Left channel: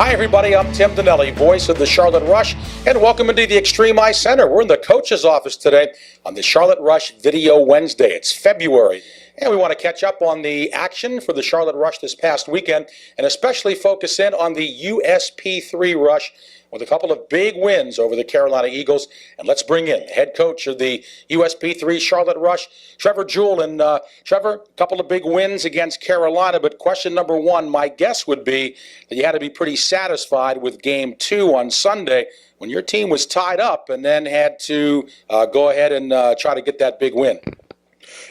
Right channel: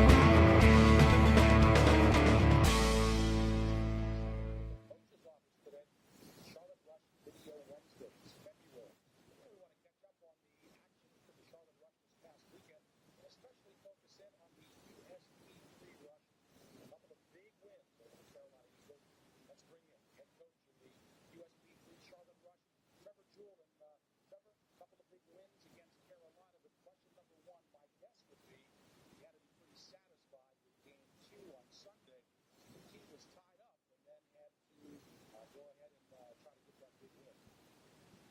Hi, everybody. I'm Tim Donnelly, voice of the Charlotte Rush, and welcome into the Extreme Ice Center. We're in the coach's office today on the Charlotte Rush Video Wednesday. It's February, and we want to catch up on the action for the Charlotte Rush this past weekend, and especially focus in on the USP3 Rush with a couple of big wins over the Carolina Eagles. And let's bring in head coach of the USP3 Charlotte Rush, Trevor Jewell. And Trevor, a couple of big wins against Carolina, but question number one, my guess would be that you had to be pretty satisfied with game 2 on Sunday when your team was tied up and then had to go ahead and try to get that big win.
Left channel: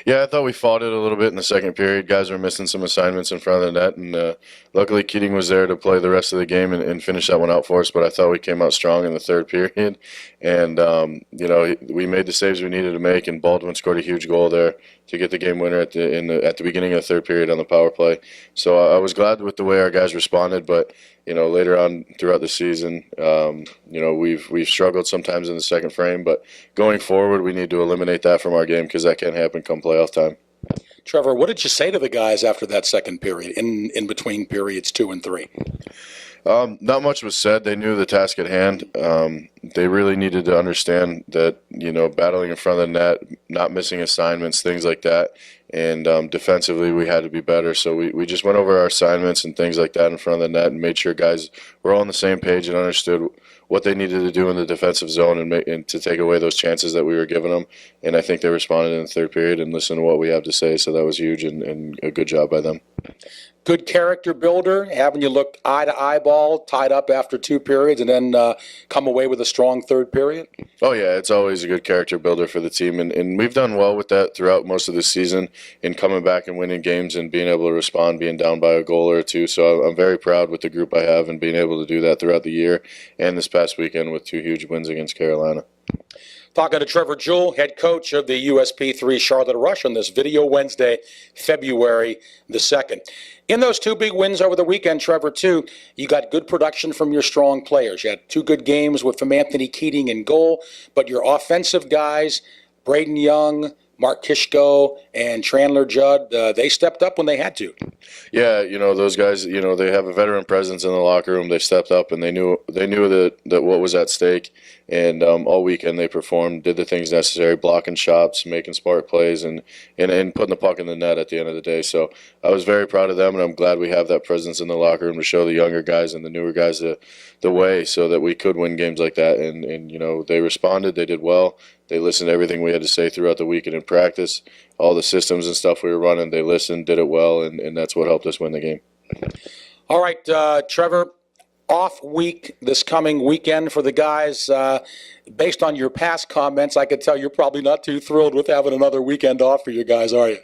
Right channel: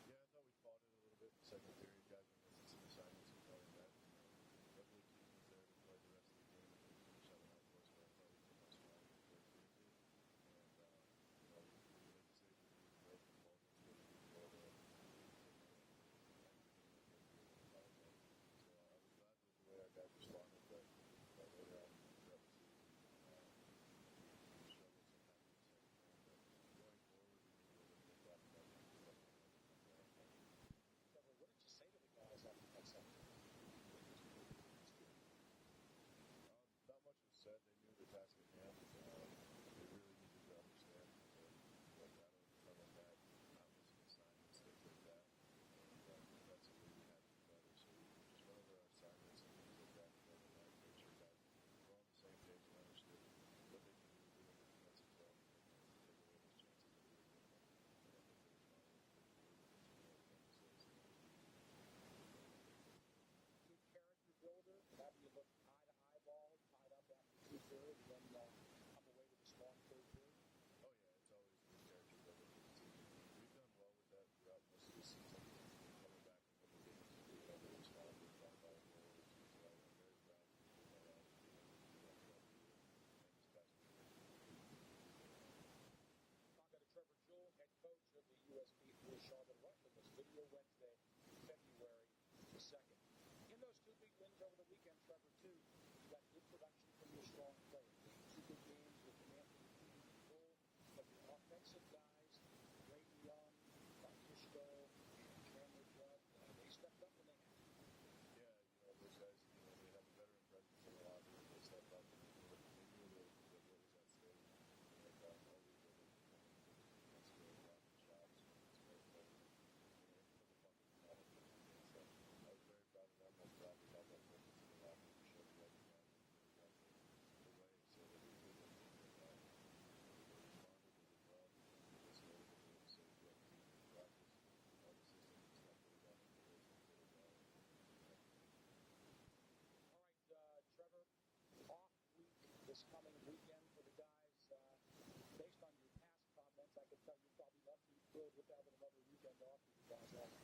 Yeah, I thought we fought it a little bit in the second period. Guys were missing some assignments in front of the net, and luckily Keating was there to play the rest of the game and finish that one out for us. But I thought we came out strong in the third period, and we made the saves we needed to make, and Baldwin scored a huge goal there to get the game winner at the beginning of the third period on the power play. So I was glad with the way our guys responded, but later on throughout the season, we've struggled sometimes in the second frame, but going forward, we need to eliminate that from our game because that can't happen come playoff time. Trevor, what did you say to the guys after that second period, in between periods 2 and 3? Not much was said. They knew the task at hand. They really needed to understand that, battling in front of the net, not missing assignments, things like that. And defensively, we had to be better. So we just went over our assignments and things like that in front of the net and made sure guys were all on the same page and understood what they needed to do in the defensive zone and to take away those chances that we were giving them. And I think they responded in the third period and listened to what we have to say. So that was huge and a good job by them. Good character builder, having you look eye to eyeball, tied up after 2 periods, and then come away with a strong third period? Oh, yeah, it's always a good character builder for the team, and we've done well with that throughout most of the season in coming back and winning games and being able to respond, being down by a goal or two. So I'm very proud with the group I have and being able to do that throughout the year and this past weekend with 2 huge wins against Carolina. Talking to Trevor Jewell, head coach of the USP3 Charlotte Rush on this Video Wednesday, February the 2nd. In those 2 big wins over the weekend, Trevor, too, you got good production from your strong players. You had 2 good games from Anthony Keating in goal, but your offensive guys, Braden Young, Mark Kishko, and Chandler Judd, they stepped up when they had to. Yeah, those guys, they have a veteran presence in the locker room. They stepped up and they knew that what was at stake. And all weekend they performed, did the things necessary, blocking shots, making smart plays, and putting the puck in the net at the end of the day. So I was very proud of them, and I'm glad we have that presence in the locker room to show the younger guys and the newer guys the way so that we could win games like that. And they responded. They did well. They listened to everything we had to say throughout the weekend in practice. All the systems and stuff we were running, they listened, did it well, and that's what helped us win the game. All right, Trevor, off week this coming weekend for the guys. Based on your past comments, I could tell you're probably not too thrilled with having another weekend off for you guys, are you?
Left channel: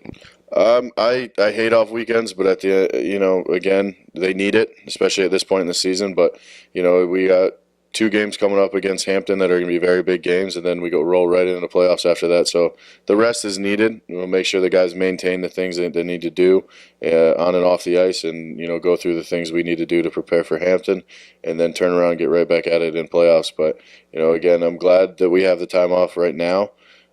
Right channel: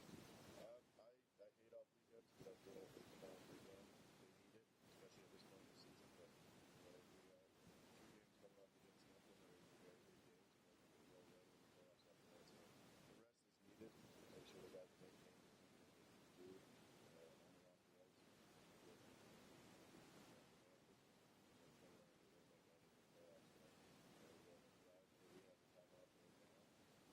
I hate off weekends, but at the again, they need it, especially at this point in the season. But we got 2 games coming up against Hampton that are going to be very big games, and then we roll right into the playoffs after that. So the rest is needed. We'll make sure the guys maintain the things that they need to do on and off the ice, and go through the things we need to do to prepare for Hampton, and then turn around and get right back at it in playoffs. But again, I'm glad that we have the time off right now.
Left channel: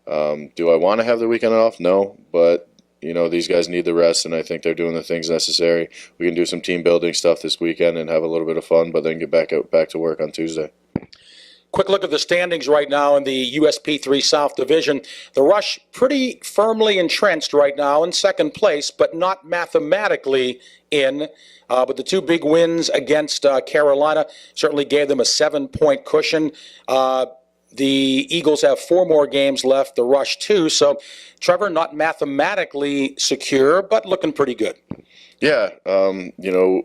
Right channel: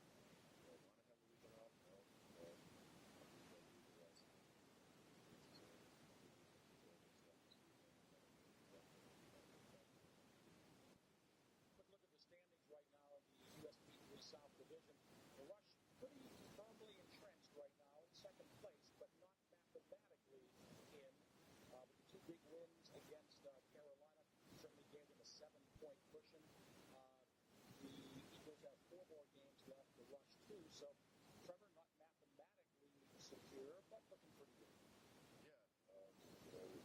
Do I want to have the weekend off? No, but these guys need the rest, and I think they're doing the things necessary. We can do some team building stuff this weekend and have a little bit of fun, but then get back to work on Tuesday. Quick look at the standings right now in the USP3 South Division. The Rush pretty firmly entrenched right now in second place, but not mathematically in. But the 2 big wins against Carolina certainly gave them a 7-point cushion. The Eagles have 4 more games left, the Rush 2. So, Trevor, not mathematically secure, but looking pretty good. Yeah,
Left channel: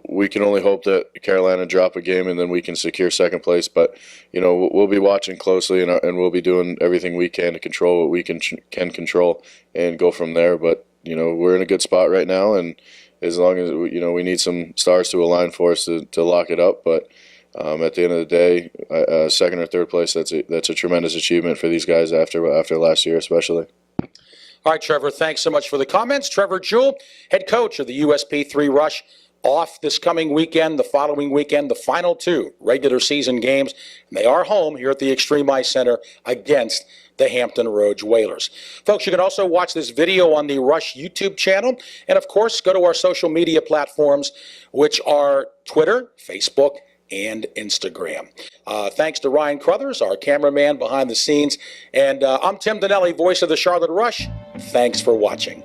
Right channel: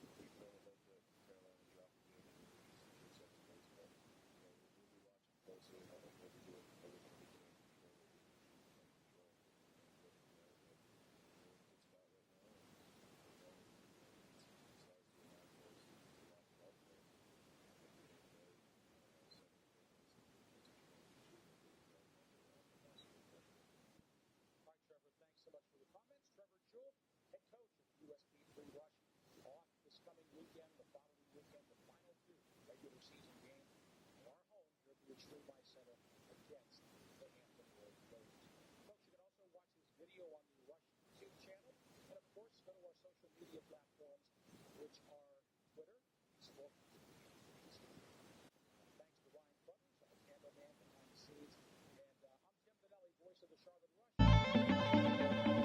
we can only hope that Carolina drop a game and then we can secure second place. But, we'll be watching closely and we'll be doing everything we can to control what we can control and go from there. But, we're in a good spot right now, and as long as, we need some stars to align for us to lock it up. But at the end of the day, second or third place, that's a tremendous achievement for these guys after last year especially. All right, Trevor, thanks so much for the comments. Trevor Jewell, head coach of the USP3 Rush, off this coming weekend, the following weekend, the final 2 regular season games. And they are home here at the Extreme Ice Center against the Hampton Roads Whalers. Folks, you can also watch this video on the Rush YouTube channel. And, of course, go to our social media platforms, which are Twitter, Facebook, and Instagram. Thanks to Ryan Crothers, our cameraman behind the scenes. And I'm Tim Donnelly, voice of the Charlotte Rush. Thanks for watching.